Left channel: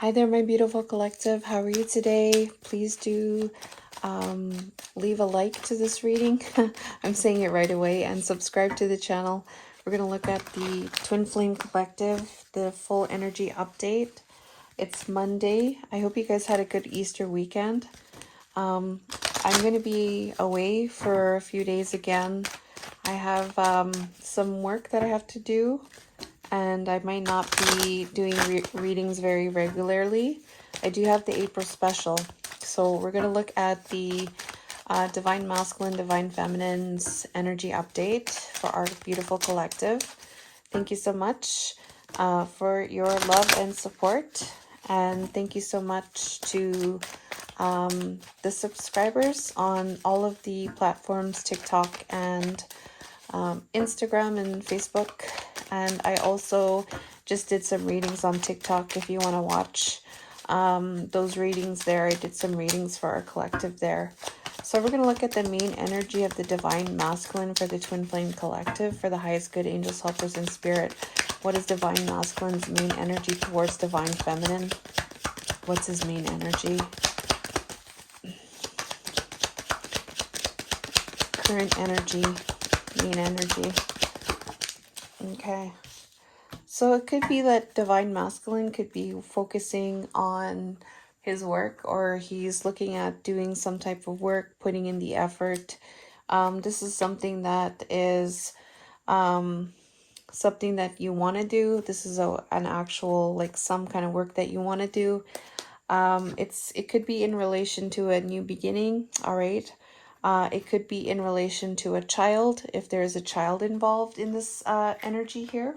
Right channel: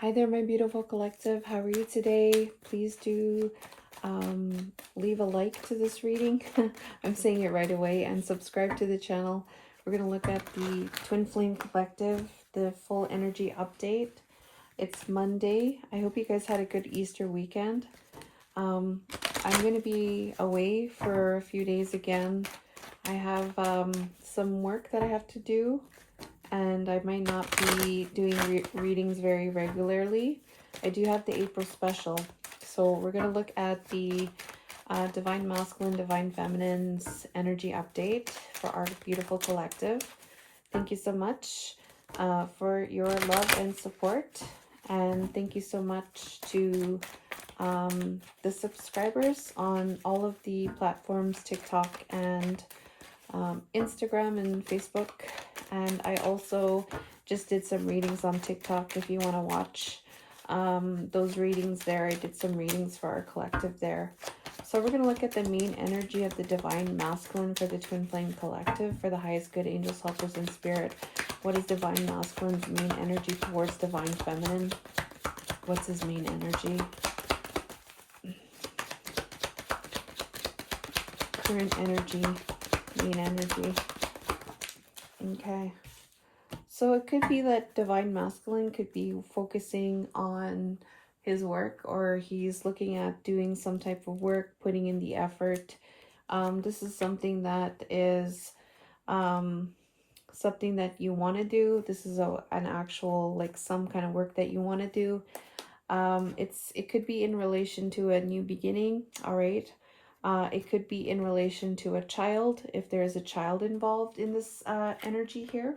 Hi there, my beautiful collective. How are you today? Please do leave a like to this reading. I'm saying it right away, and subscribe to the channel. We're going to look at the Twin Flame Collective, the full energy update. It's Monday. I hope you guys had a good Easter weekend. I'm going to be away for a few days again. I have some work that I have to do, and I might not be doing readings very regularly. I do have the April special. So we're going to look at the Divine Masculine, Divine Feminine's energy update for our beautiful collective. Thank you so much for your love and support. And thank you so much to the subscribers on all of the platforms, TikTok and Instagram and Facebook. And I also just did some readings on TikTok if you want to watch those readings there. I did some readings for our collective there. So we're going to look at the main energy of the Divine Masculine for the Twin Flame Collective for the highest good angels, helpers, and spirit. What is Divine Masculine's main energy towards Divine Feminine? What's his main energy? Current energy, main energy. Okay. So it could be that Divine Masculine could be focusing on his work, or he's looking at doing some type of work, putting in the effort. This is something that is something that you want to do. This is an actual, like, some kind of work that you want to do. It could be in relation to a new beginning, all right? It could be in relation to a child, if there is a child involved in this energy here.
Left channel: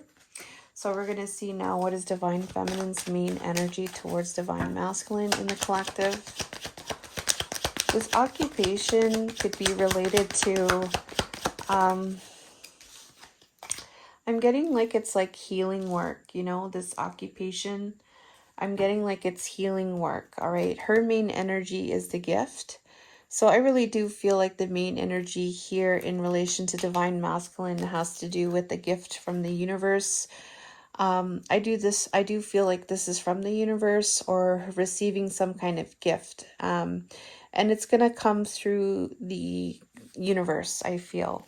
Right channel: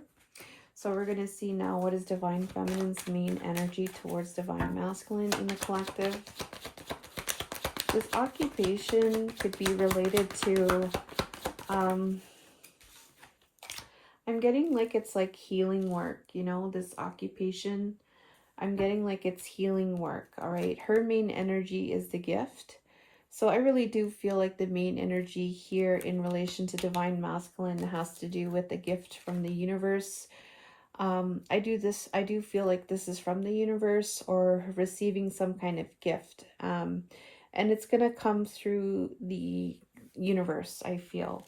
So we're going to see now what is Divine Feminine's main energy towards Divine Masculine in the collective. This occupation could be related to, I'm getting like it's like healing work, you know, this occupation. I'm getting like it's healing work, all right? Her main energy is the gift. So I really do feel like the main energy here in relation to Divine Masculine has to do with the gift from the universe. I do feel like this is from the universe or receiving some kind of gift. And it's going to come through the universe, I feel.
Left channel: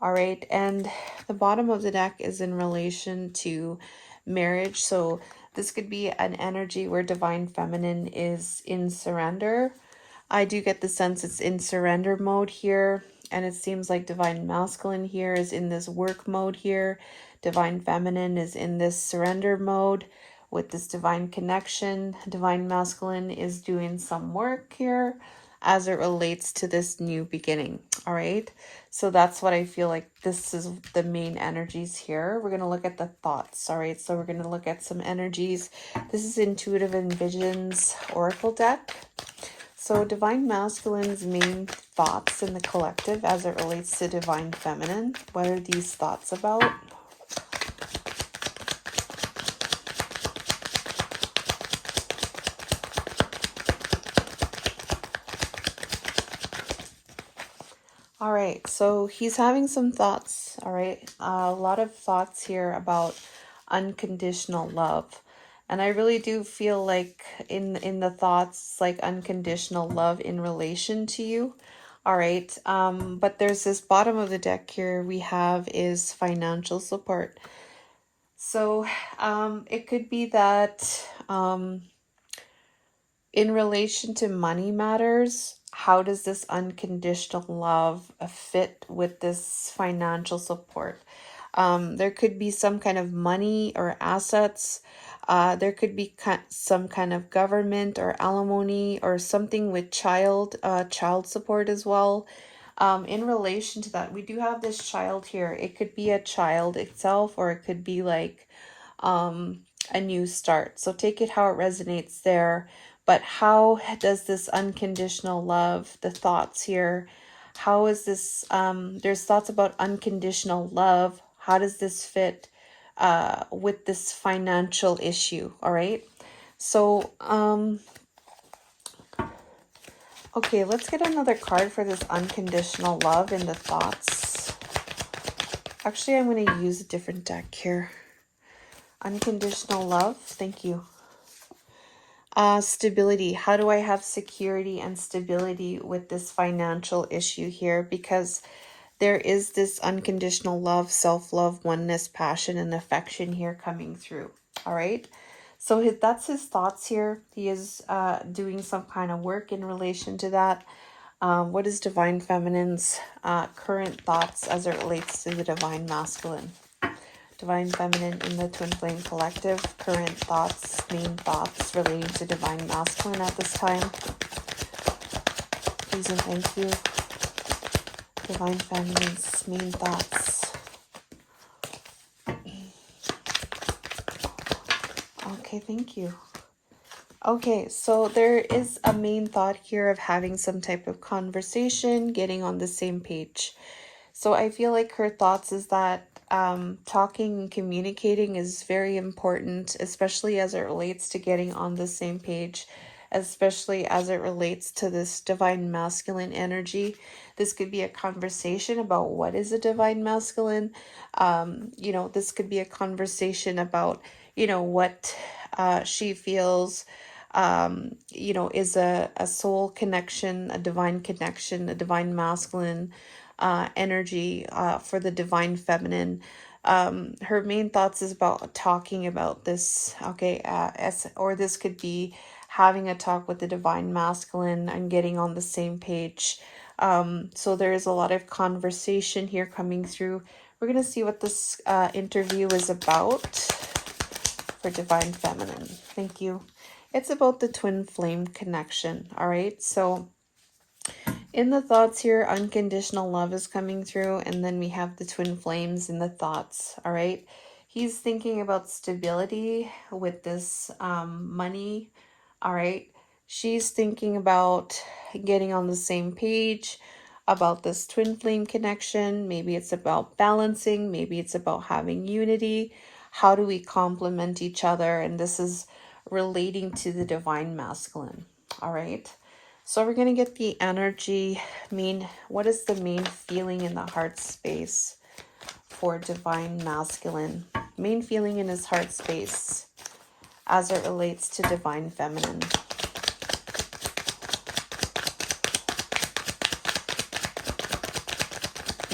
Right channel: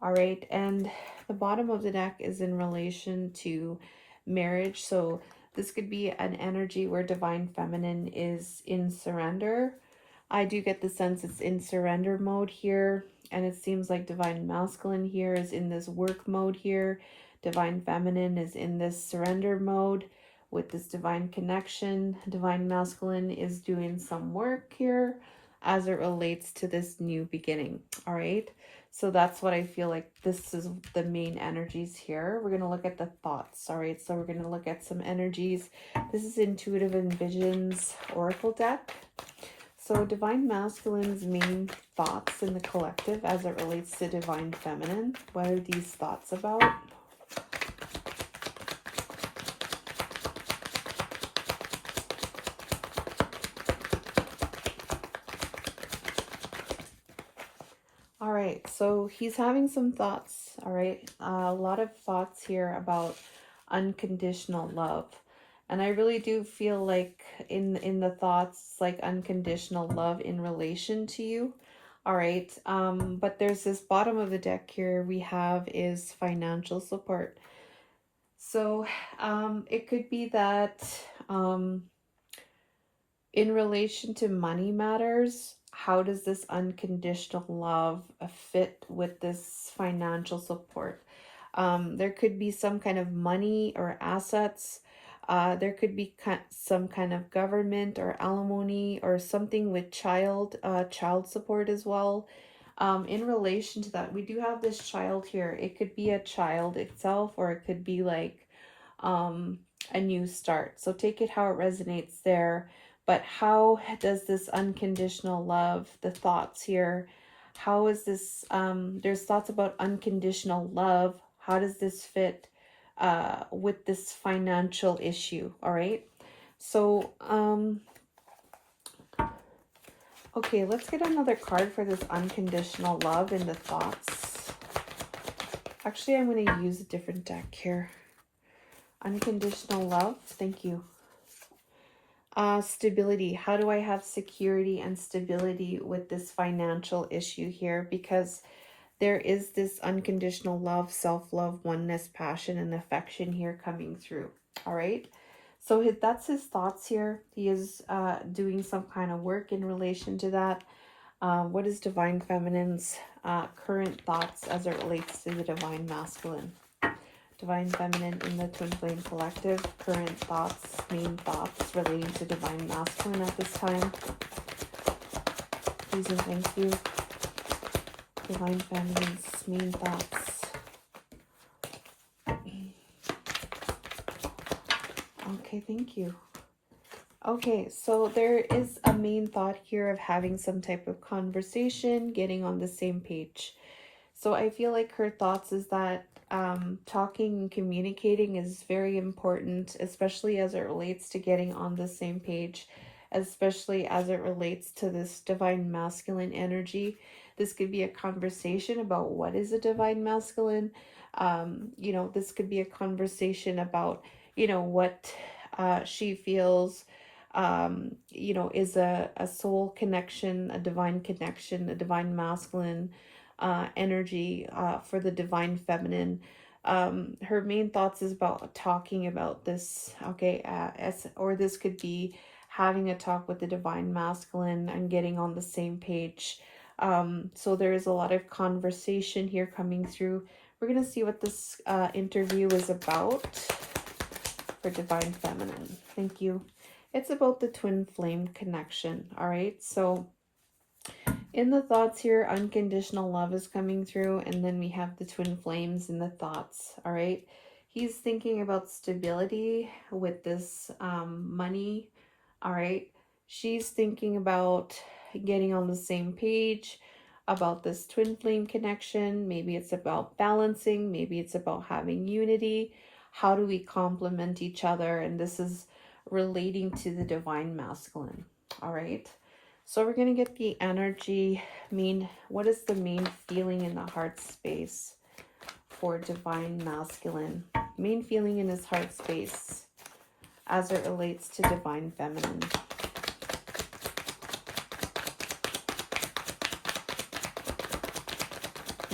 All right. And the bottom of the deck is in relation to marriage. So this could be an energy where Divine Feminine is in surrender. I do get the sense it's in surrender mode here. And it seems like Divine Masculine here is in this work mode here. Divine Feminine is in this surrender mode with this divine connection. Divine Masculine is doing some work here as it relates to this new beginning. All right. So that's what I feel like this is the main energies here. We're going to look at the thoughts. All right. So we're going to look at some energies. This is Intuitive and Visions Oracle deck. So Divine Masculine's main thoughts in the collective as it relates to Divine Feminine. What are these thoughts about? All right, so he's having some thoughts, all right? A lot of thoughts here about unconditional love. And I really do feel like in the thoughts, like unconditional love in relation to you. All right, but there's this bottom of the deck here we have is financial support. So it could be that in relation to money matters, how does this unconditional love fit with this financial support? There could be some kind of money or assets. There could be some kind of government or alimony or something with child support as well. In relation to that, we do have this child here. It could be a child itself, or it could be like a new start. So take it how it resonates there. But how does this unconditional love, the thoughts here, how is this, there's thoughts about unconditional love. How does this fit with this financial issue? All right. So, okay, let's get another card for this unconditional love in the thoughts. Actually, I'm going to use a different deck here. Unconditional love. Thank you. Stability. How do I have security and stability with this financial issue here? Because there is this unconditional love, self-love, oneness, passion, and affection here coming through. All right. So that's his thoughts here. He is doing some kind of work in relation to that. What is Divine Feminine's current thoughts as it relates to the Divine Masculine? Divine Feminine in the Twin Flame Collective, current thoughts, main thoughts relating to Divine Masculine at this time. Please and thank you. Divine Feminine's main thoughts. Okay, thank you. Okay, so there is a main thought here of having some type of conversation, getting on the same page. So I feel like her thoughts is that talking and communicating is very important, especially as it relates to getting on the same page, especially as it relates to this Divine Masculine energy. This could be a conversation about what is a Divine Masculine. This could be a conversation about, what she feels is a soul connection, a divine masculine energy for the Divine Feminine. Her main thoughts is about talking about this, okay, or this could be having a talk with the Divine Masculine and getting on the same page. So there is a lot of conversation here coming through. We're going to see what this interview is about for Divine Feminine. Thank you. It's about the twin flame connection. All right. So in the thoughts here, unconditional love is coming through. And then we have the twin flames in the thoughts. All right. He's thinking about stability with this money. All right. She's thinking about getting on the same page about this twin flame connection. Maybe it's about balancing. Maybe it's about having unity. How do we complement each other? And this is relating to the Divine Masculine. All right. So we're going to get the energy. What is the main feeling in the heart space for Divine Masculine? Main feeling in his heart space as it relates to Divine Feminine.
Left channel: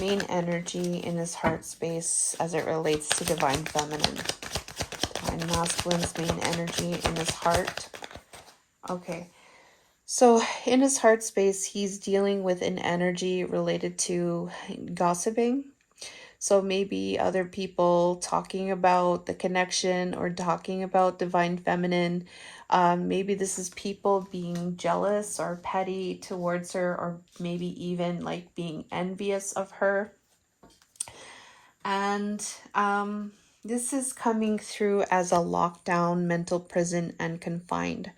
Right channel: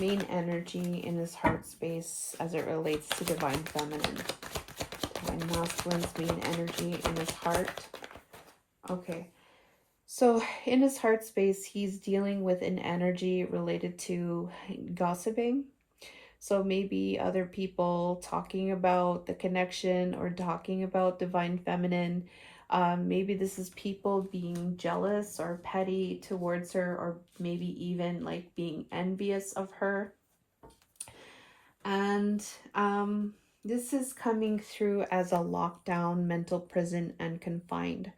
Main energy in his heart space as it relates to Divine Feminine. Divine Masculine's main energy in his heart. Okay. So in his heart space, he's dealing with an energy related to gossiping. So maybe other people talking about the connection or talking about Divine Feminine. Maybe this is people being jealous or petty towards her, or maybe even like being envious of her. And this is coming through as a lockdown, mental prison, and confined.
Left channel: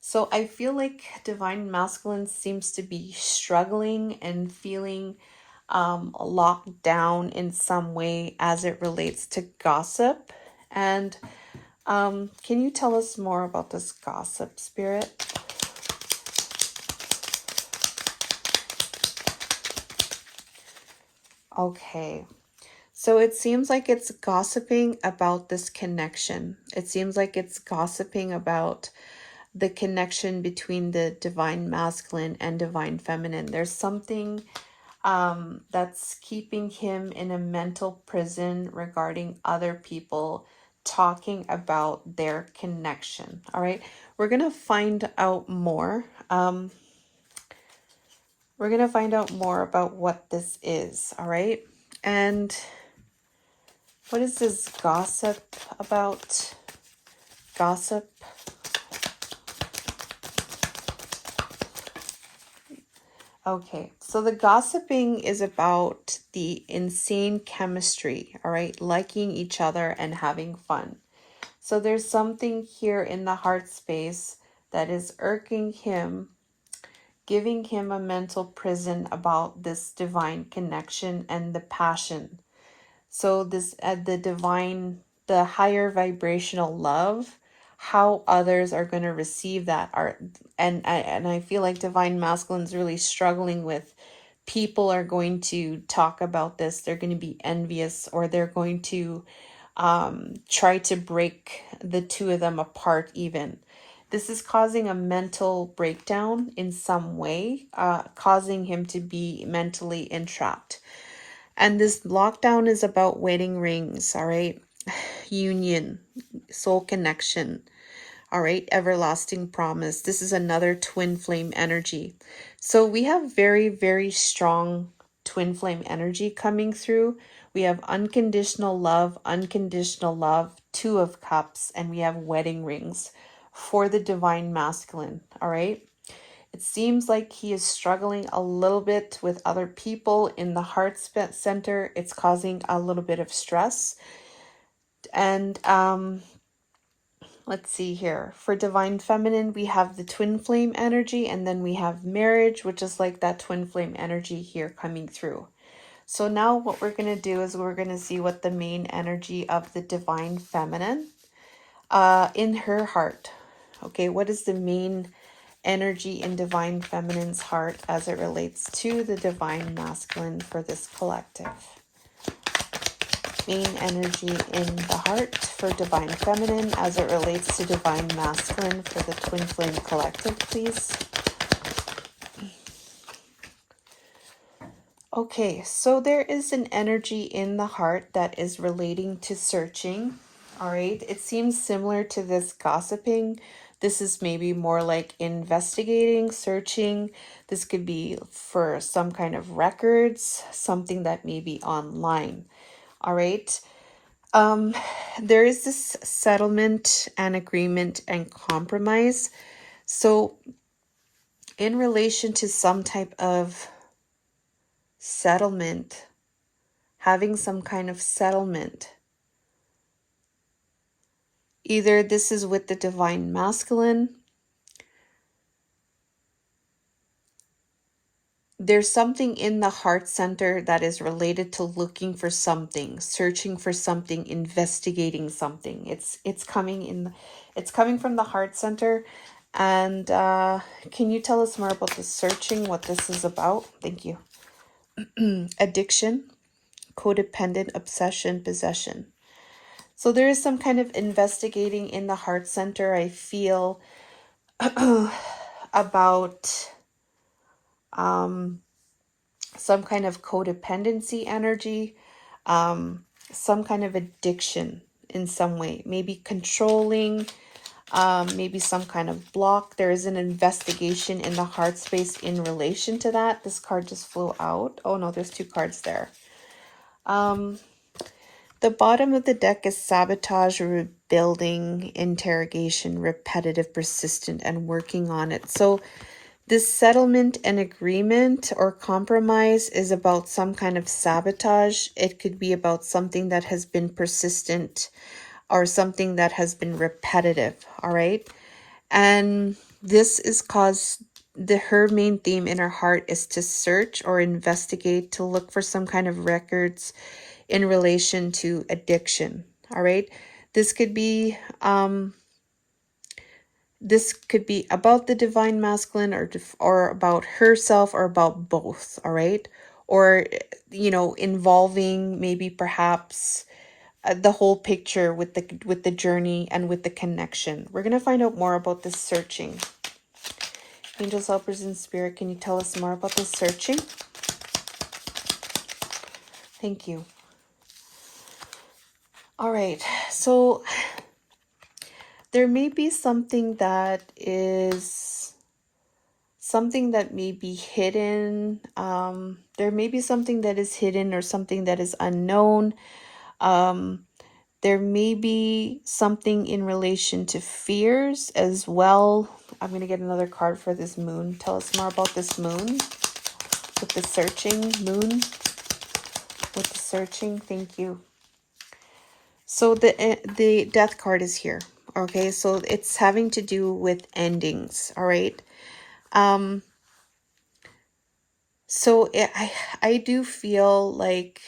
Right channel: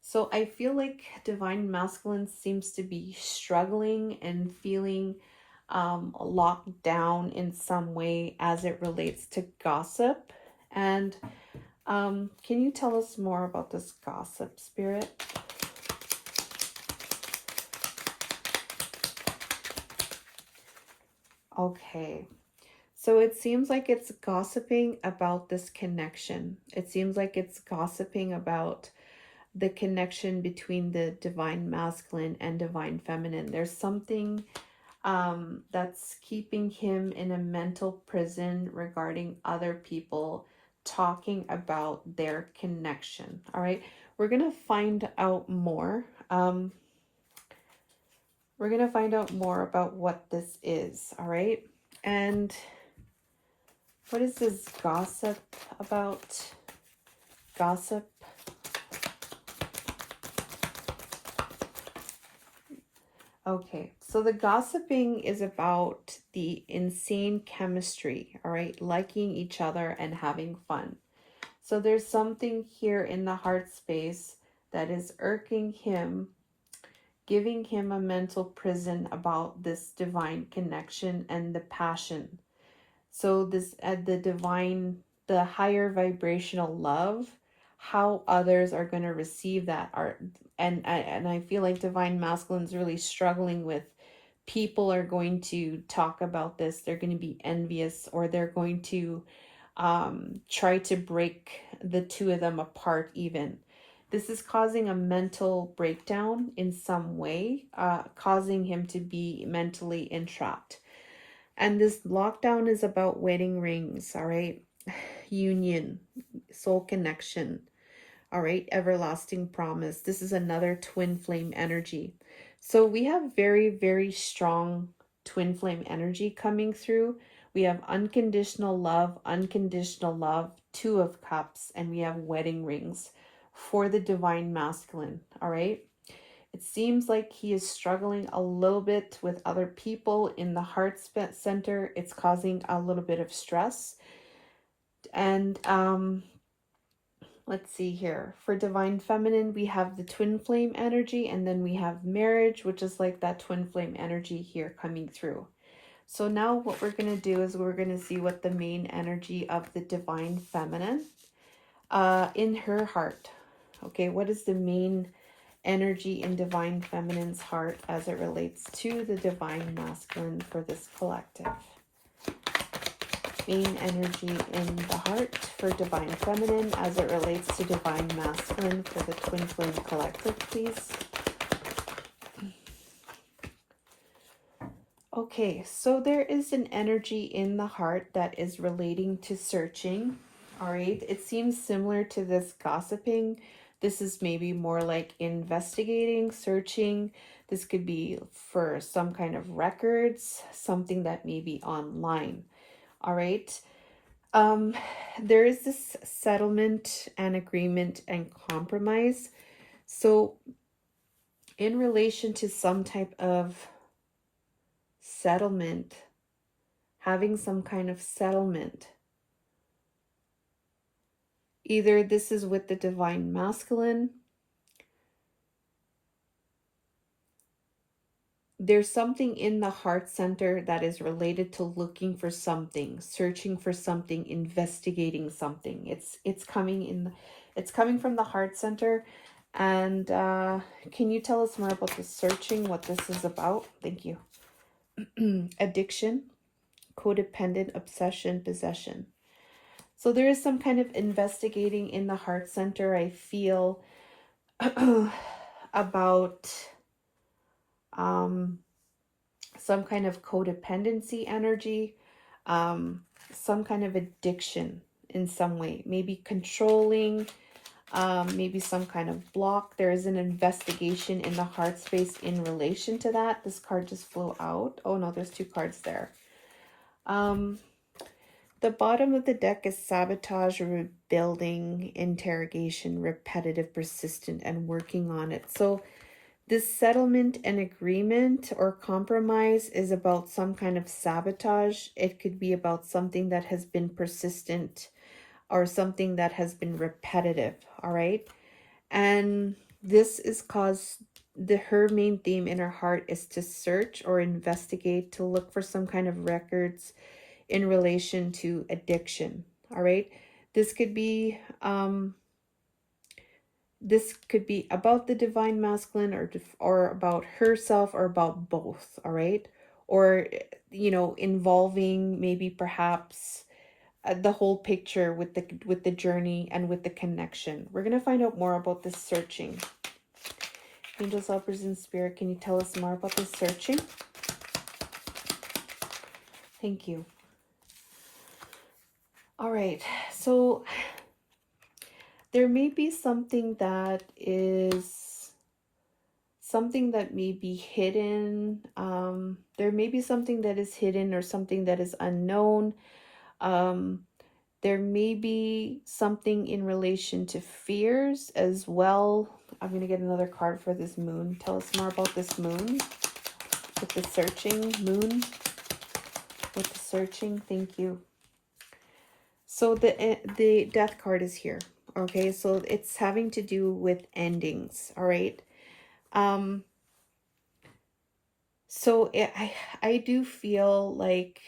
So I feel like Divine Masculine seems to be struggling and feeling locked down in some way as it relates to gossip. And can you tell us more about this gossip, Spirit? Okay. So it seems like it's gossiping about this connection. It seems like it's gossiping about the connection between the Divine Masculine and Divine Feminine. There's something that's keeping him in a mental prison regarding other people talking about their connection. All right, we're gonna find out more. We're gonna find out more about what this is. All right, and what is this gossip about? Gossip. Okay, so the gossiping is about the insane chemistry, all right? Liking each other and having fun. So there's something here in the heart space that is irking him, giving him a mental prison about this divine connection and the passion. So this, the higher vibrational love, how others are going to receive that art. And I feel like Divine Masculine's really struggling with, people are going to talk about this, they're going to be envious, or they're going to try to break the two of them apart even. This is causing a mental breakdown in some way, causing him to be mentally entrapped. And this lockdown is about wedding rings, all right? Union, soul connection, all right? Everlasting promise. This is another twin flame energy. So we have very, very strong twin flame energy coming through. We have unconditional love, Two of Cups, and we have wedding rings for the divine masculine, all right? It seems like he is struggling a little bit with other people in the heart center. It's causing a little bit of stress. And let's see here. For divine feminine, we have the twin flame energy, and then we have marriage, which is like that twin flame energy here coming through. So now what we're going to do is we're going to see what the main energy of the divine feminine in her heart. Okay, what is the main energy in divine feminine's heart as it relates to the divine masculine for this collective? Main energy in the heart for divine feminine as it relates to divine masculine for the twin flame collective, please. Okay, so there is an energy in the heart that is relating to searching. All right, it seems similar to this gossiping. This is maybe more like investigating, searching. This could be for some kind of records, something that may be online. All right. There is this settlement and agreement and compromise. So in relation to some type of settlement, having some kind of settlement, either this is with the divine masculine, there's something in the heart center that is related to looking for something, searching for something, investigating something. It's coming from the heart center. And can you tell us more about the searching, what this is about? Thank you. Addiction, codependent, obsession, possession. So there is some kind of investigating in the heart center, I feel, about some kind of codependency energy, some kind of addiction in some way, maybe controlling, maybe some kind of block. There is an investigation in the heart space in relation to that. This card just flew out. Oh no, there's two cards there. The bottom of the deck is sabotage, rebuilding, interrogation, repetitive, persistent, and working on it. So this settlement and agreement or compromise is about some kind of sabotage. It could be about something that has been persistent or something that has been repetitive, all right? And this is caused, her main theme in her heart is to search or investigate, to look for some kind of records in relation to addiction, all right? This could be about the divine masculine, or about herself, or about both, all right? Or, you know, involving maybe perhaps the whole picture with the journey and with the connection. We're going to find out more about this searching. Angels, helpers, and spirit, can you tell us more about this searching? Thank you. All right, so there may be something that may be hidden. There may be something that is hidden or something that is unknown. There may be something in relation to fears as well. I'm going to get another card for this moon. Tell us more about this moon with the searching. Moon with the searching. Thank you. So the death card is here. Okay, so it's having to do with endings. All right. So I do feel like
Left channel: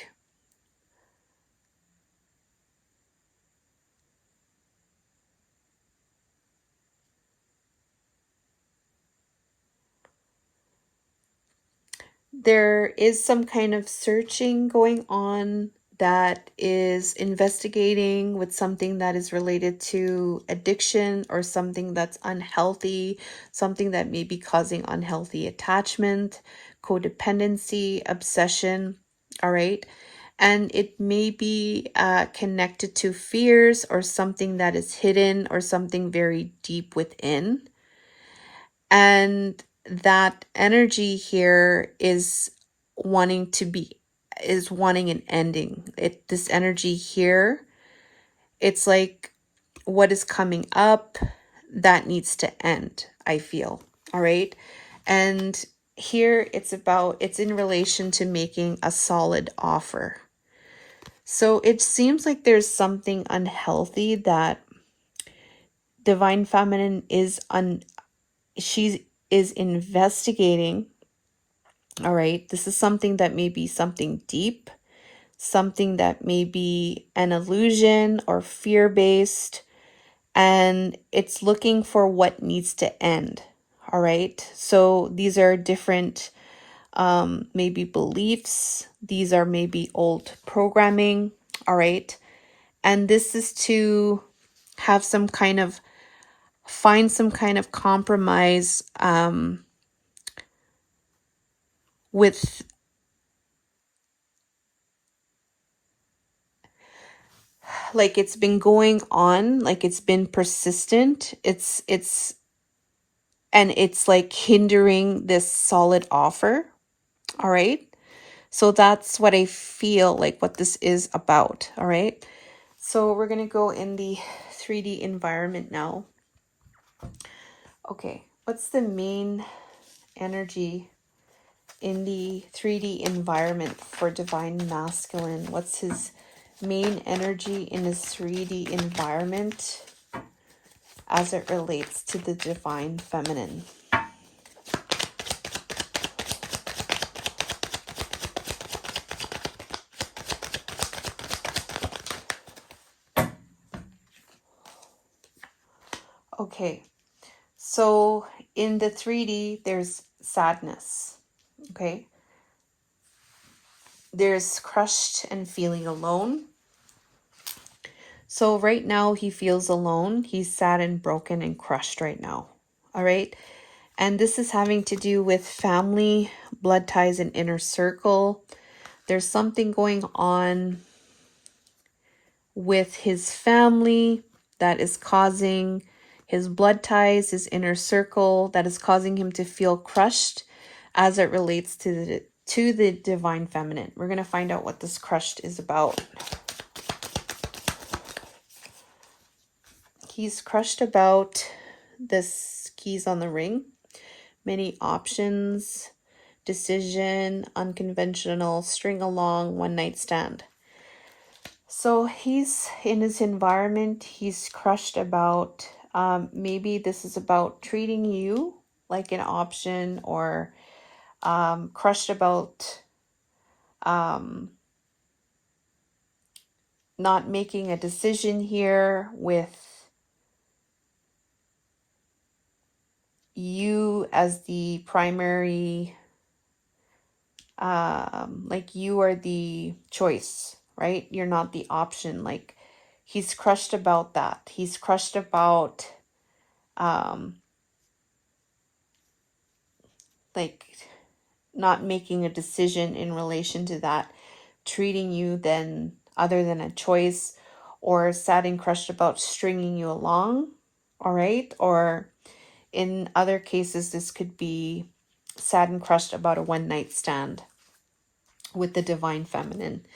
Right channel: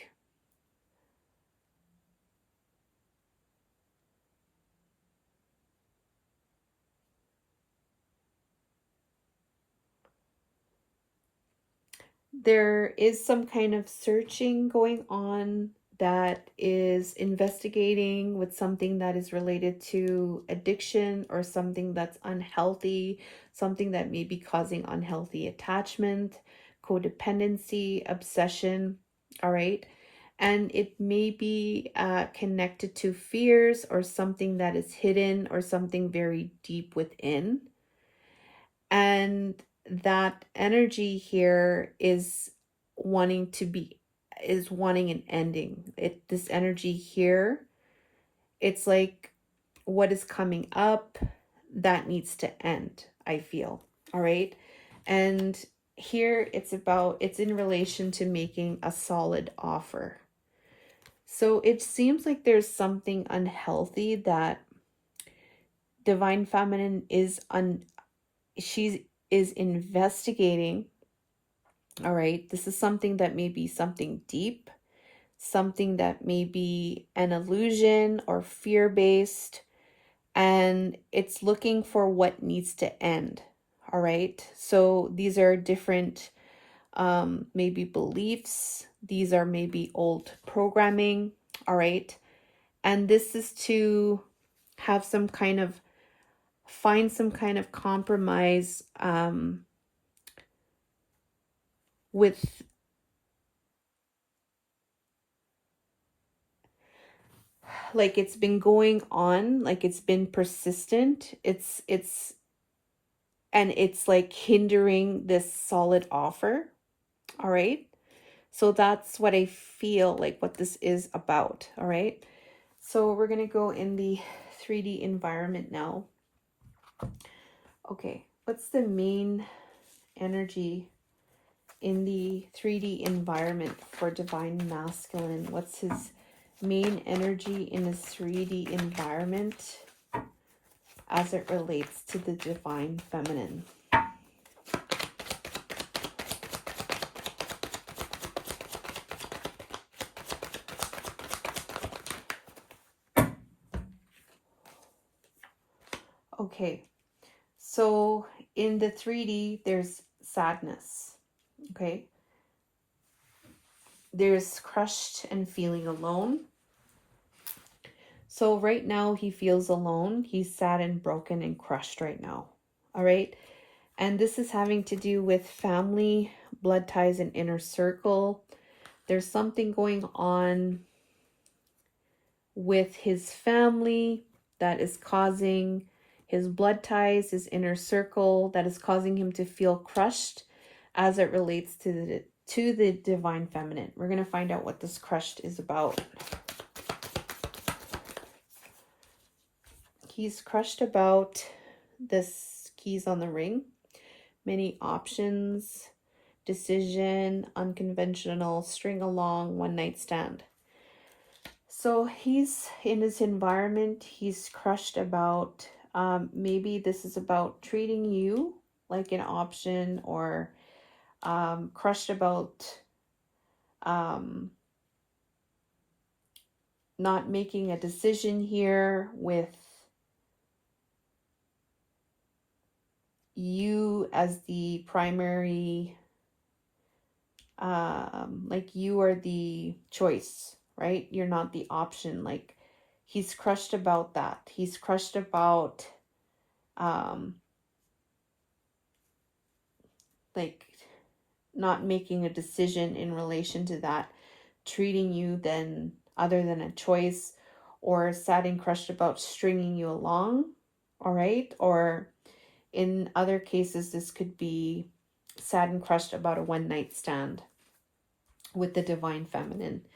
there is some kind of searching going on that is investigating with something that is related to addiction or something that's unhealthy, something that may be causing unhealthy attachment, codependency, obsession. All right. And it may be connected to fears or something that is hidden or something very deep within. And that energy here is wanting to be is wanting an ending. This energy here, it's like what is coming up that needs to end, I feel. All right. And here it's in relation to making a solid offer. So it seems like there's something unhealthy that Divine Feminine she is investigating. All right. This is something that may be something deep, something that may be an illusion or fear-based, and it's looking for what needs to end. All right. So these are different maybe beliefs. These are maybe old programming. All right. And this is to have find some kind of compromise with, like, it's been going on, like it's been persistent. And it's like hindering this solid offer. All right. So that's what I feel like what this is about. All right. So we're going to go in the 3D environment now. Okay. What's the main energy in the 3D environment for Divine Masculine? What's his main energy in his 3D environment as it relates to the Divine Feminine? Okay, so in the 3D, there's sadness. Okay, there's crushed and feeling alone. So right now he feels alone. He's sad and broken and crushed right now. All right. And this is having to do with family, blood ties, and inner circle. There's something going on with his family that is causing his blood ties, his inner circle, that is causing him to feel crushed as it relates to the Divine Feminine. We're going to find out what this crushed is about. He's crushed about this keys on the ring, many options, decision, unconventional, string along, one night stand. So he's in his environment, he's crushed about, maybe this is about treating you like an option, or crushed about not making a decision here with you as the primary, like you are the choice, right? You're not the option. Like he's crushed about that. He's crushed about like not making a decision in relation to that, treating you then other than a choice, or sad and crushed about stringing you along. All right. Or in other cases, this could be sad and crushed about a one night stand with the Divine Feminine.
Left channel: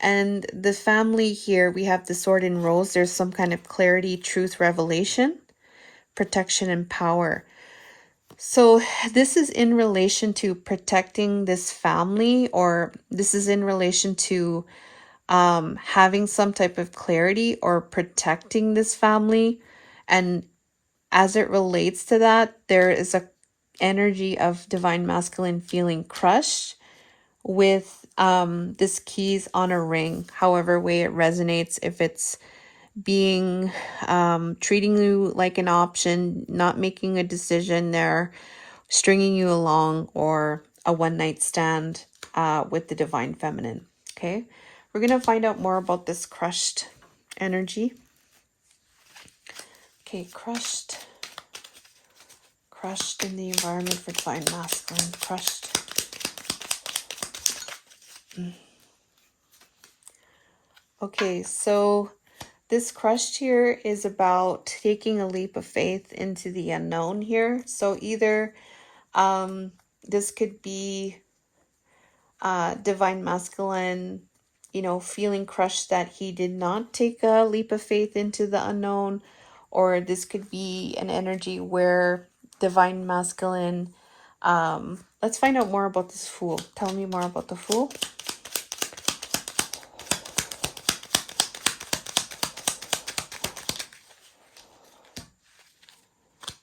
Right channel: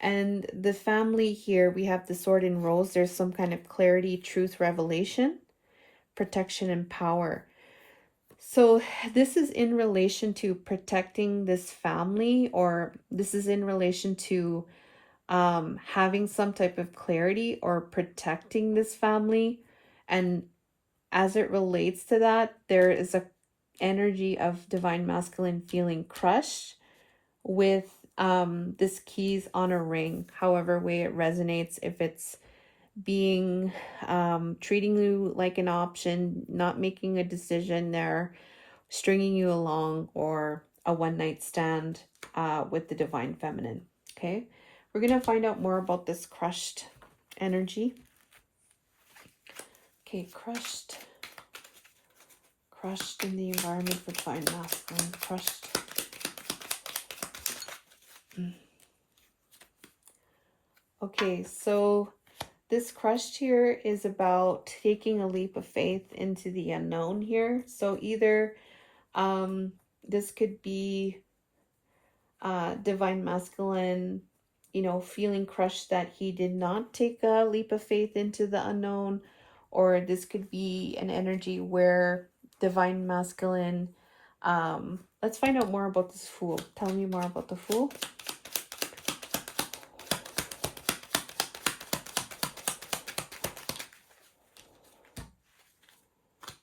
And the family here, we have the Sword and Rose. There's some kind of clarity, truth, revelation, protection, and power. So this is in relation to protecting this family, or this is in relation to having some type of clarity or protecting this family. And as it relates to that, there is a energy of Divine Masculine feeling crushed with this keys on a ring, however way it resonates. If it's being treating you like an option, not making a decision there, stringing you along, or a one night stand with the Divine Feminine. Okay, We're going to find out more about this crushed energy. Okay, crushed in the environment for divine masculine, crushed. Okay, so this crushed here is about taking a leap of faith into the unknown here. So either this could be divine masculine, you know, feeling crushed that he did not take a leap of faith into the unknown, or this could be an energy where divine masculine, let's find out more about this Fool. Tell me more about the Fool.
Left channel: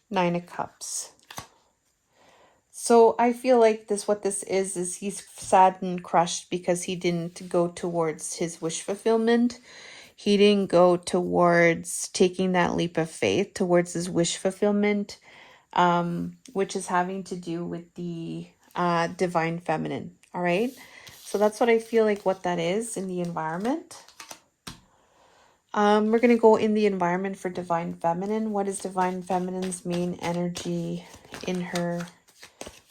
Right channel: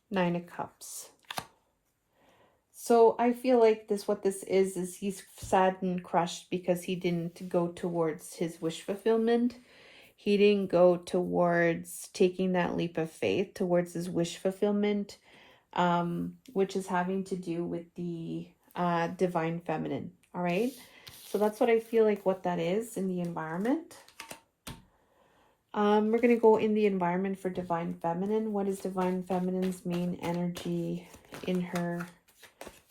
Nine of Cups. So I feel like what this is he's sad and crushed because he didn't go towards his wish fulfillment. He didn't go towards taking that leap of faith towards his wish fulfillment, which is having to do with the divine feminine. All right. So that's what I feel like what that is in the environment. We're going to go in the environment for divine feminine. What is divine feminine's main energy in her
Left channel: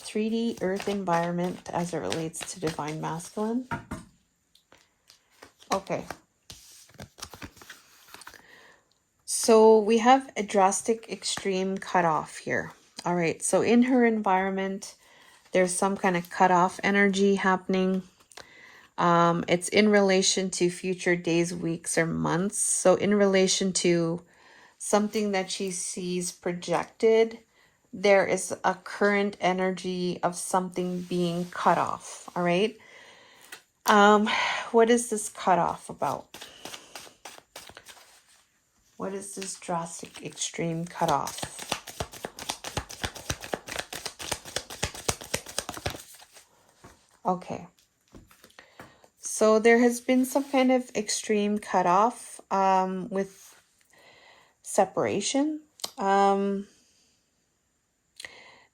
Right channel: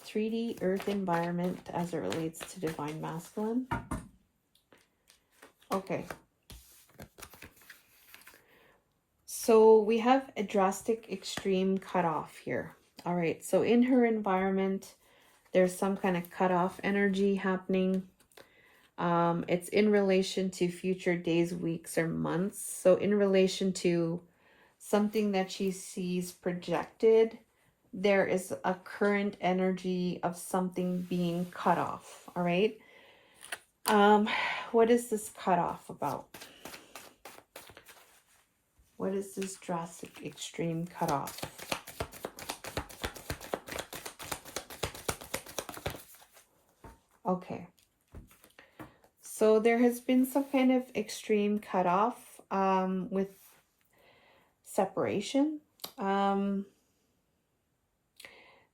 3D earth environment as it relates to divine masculine? Okay. So we have a drastic extreme cutoff here. All right. So in her environment, there's some kind of cutoff energy happening. It's in relation to future days, weeks, or months. So in relation to something that she sees projected, there is a current energy of something being cut off. All right. What is this cutoff about? What is this drastic extreme cutoff? Okay. So there has been some kind of extreme cutoff with separation.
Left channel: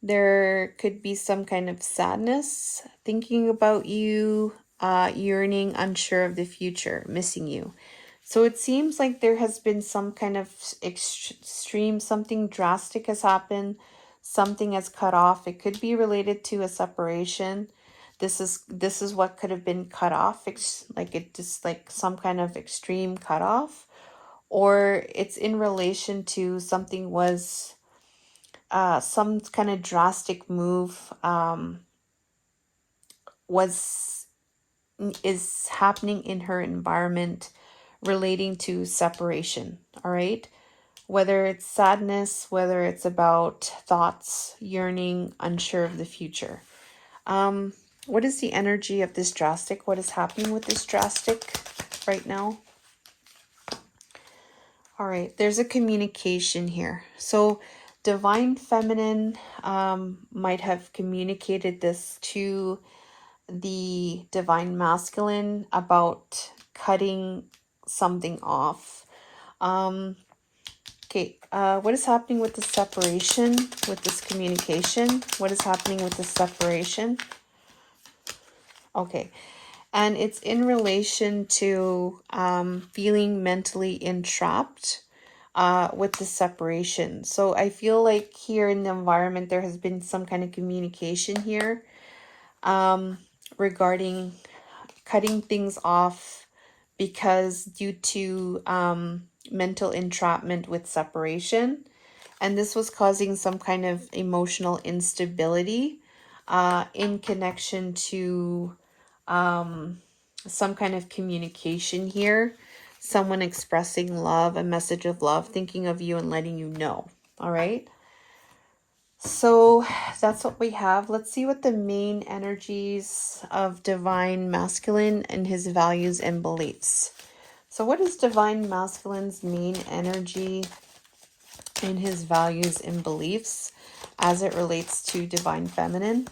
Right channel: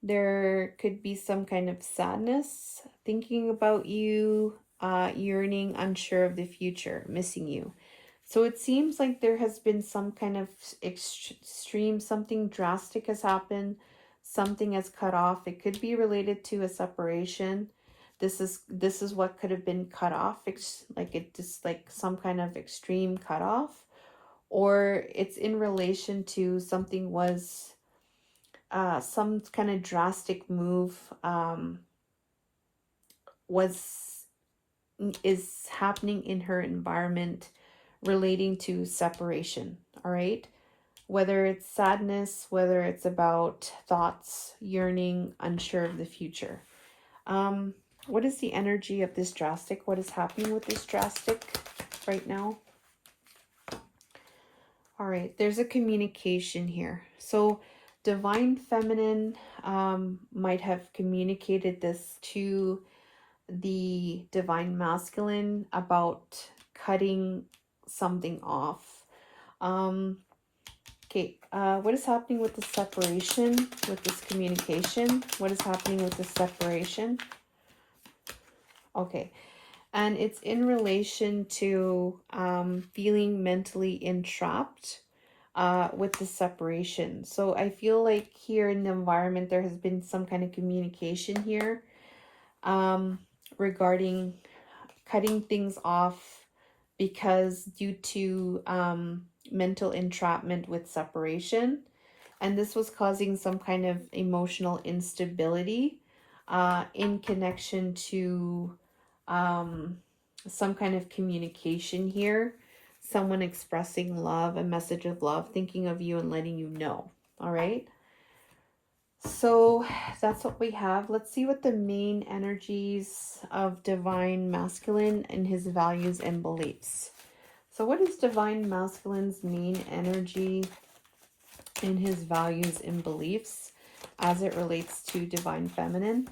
There could be some kind of sadness, thinking about you, yearning, unsure of the future, missing you. So it seems like there has been some kind of extreme, something drastic has happened, something has cut off. It could be related to a separation. This is what could have been cut off. It's like it just like some kind of extreme cutoff, or it's in relation to something was some kind of drastic move is happening in her environment relating to separation. All right, whether it's sadness, whether it's about thoughts, yearning, unsure of the future. What is the energy of this drastic? What is happening with this drastic right now? All right, there's a communication here. So divine feminine might have communicated this to the divine masculine about cutting something off. Okay, what is happening with the separation, with this communication? What is happening with the separation? Okay, and it's in relation to feeling mentally entrapped with the separation. So I feel like here in the environment, there has been some kind of communication here regarding cutting things off because due to mental entrapment with separation. And this was causing some kind of emotional instability in connection to some kind of communication here. Someone expressing love, a message of love, thinking of you and letting you know. All right. So that's what we have. Let's see what the main energies of divine masculine and his values and beliefs. So what is divine masculine's main energy and his values and beliefs as it relates to divine feminine?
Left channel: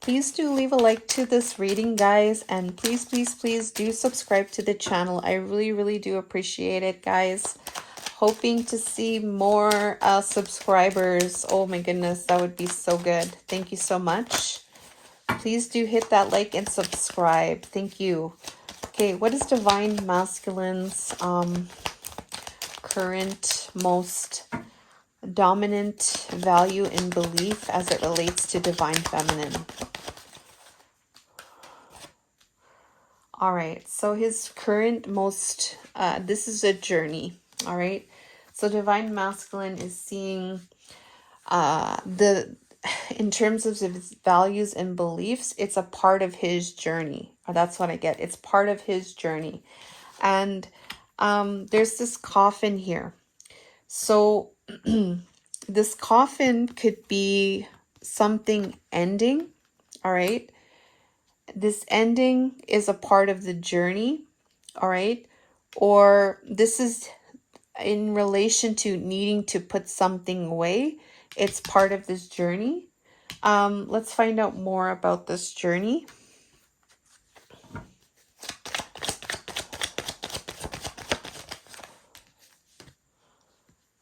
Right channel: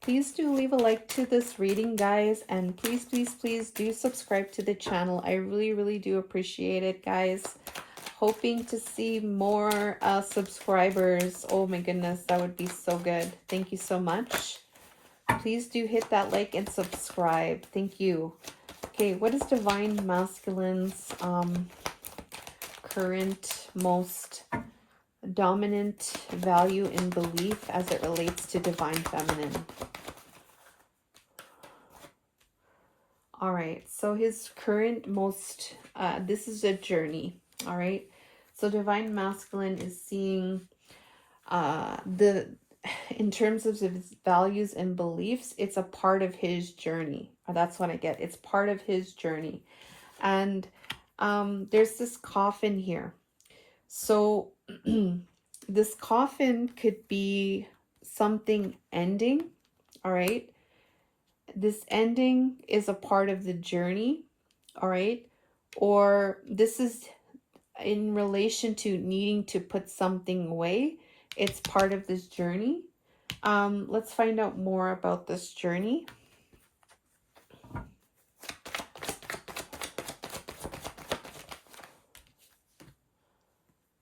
Please do leave a like to this reading, guys, and please, please, please do subscribe to the channel. I really, really do appreciate it, guys. Hoping to see more subscribers. Oh my goodness, that would be so good. Thank you so much. Please do hit that like and subscribe. Thank you. Okay, what is Divine Masculine's current most dominant value and belief as it relates to Divine Feminine? All right, so his current most, this is a journey, all right? So Divine Masculine is seeing in terms of his values and beliefs, it's a part of his journey. Or that's what I get. It's part of his journey. And there's this coffin here. So this coffin could be something ending, all right? This ending is a part of the journey, all right? Or this is in relation to needing to put something away. It's part of this journey. Let's find out more about this journey.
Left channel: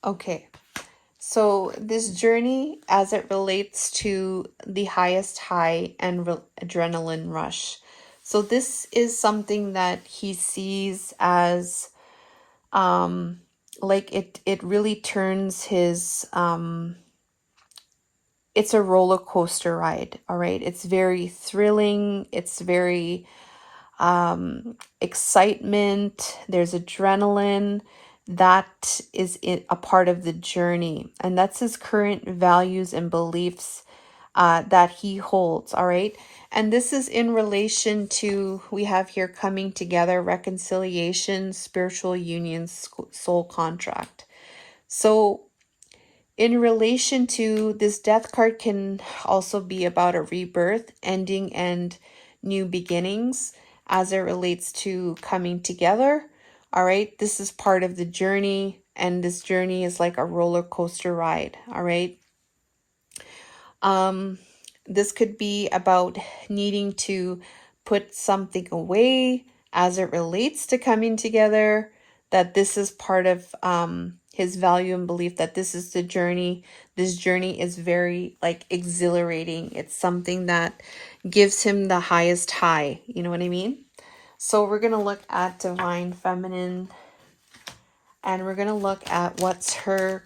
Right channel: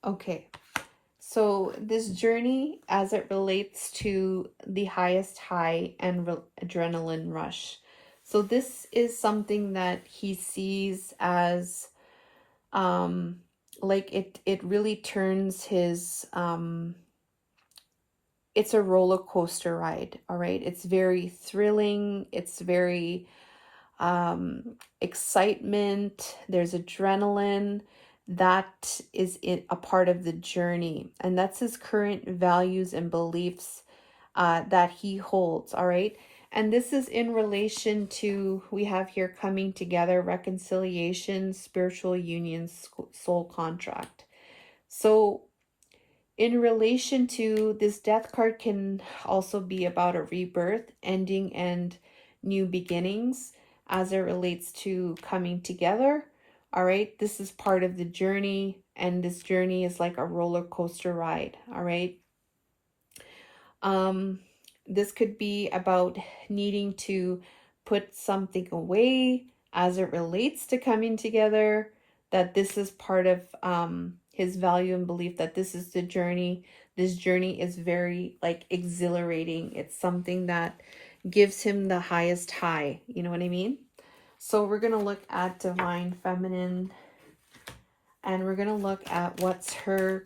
Okay, so this journey as it relates to the highest high and adrenaline rush. So this is something that he sees as like it really turns his it's a roller coaster ride, all right? It's very thrilling, it's very excitement, there's adrenaline. That is a part of the journey, and that's his current values and beliefs that he holds, all right? And this is in relation to, we have here coming together, reconciliation, spiritual union, soul contract. So in relation to this, death card can also be about a rebirth, ending, and new beginnings as it relates to coming together. All right, this is part of the journey, and this journey is like a roller coaster ride. All right. This could be about needing to put something away as it relates to coming together, that this is part of his value and belief, that this is the journey. This journey is very like exhilarating. It's something that gives him the highest high. You know what I mean? So we're going to look at Divine Feminine, and we're going to look at what's her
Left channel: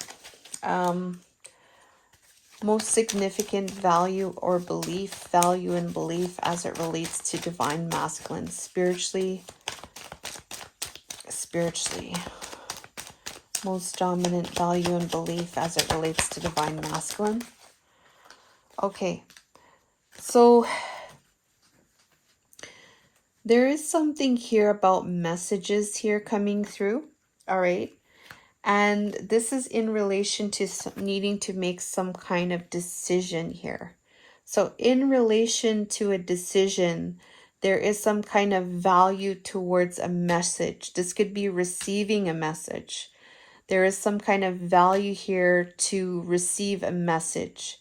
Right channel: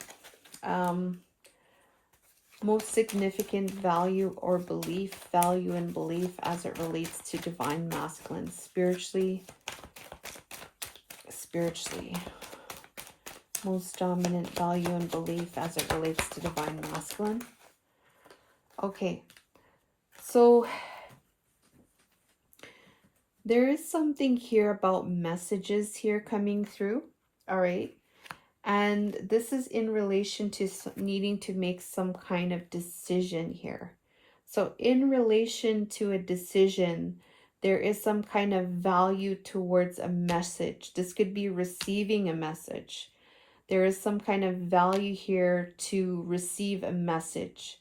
most significant value or belief, value and belief as it relates to Divine Masculine, spiritually, most dominant value and belief as it relates to Divine Masculine. Okay, so there is something here about messages here coming through, all right? And this is in relation to needing to make some kind of decision here. So in relation to a decision, there is some kind of value towards a message. This could be receiving a message. There is some kind of value here to receive a message.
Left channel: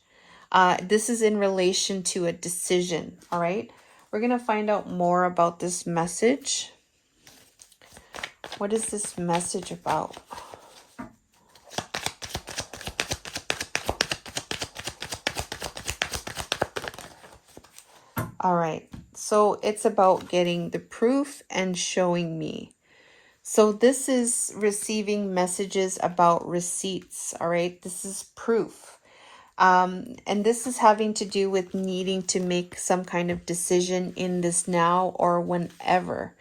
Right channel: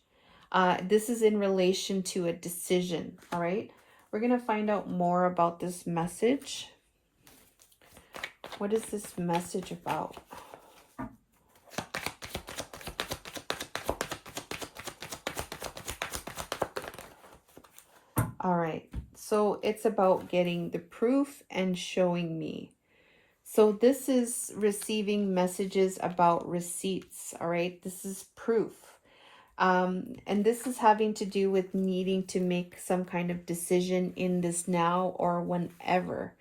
This is in relation to a decision, all right? We're going to find out more about this message. What is this message about? All right, so it's about getting the proof and showing me. So this is receiving messages about receipts, all right? This is proof. And this is having to do with needing to make some kind of decision in this now or whenever.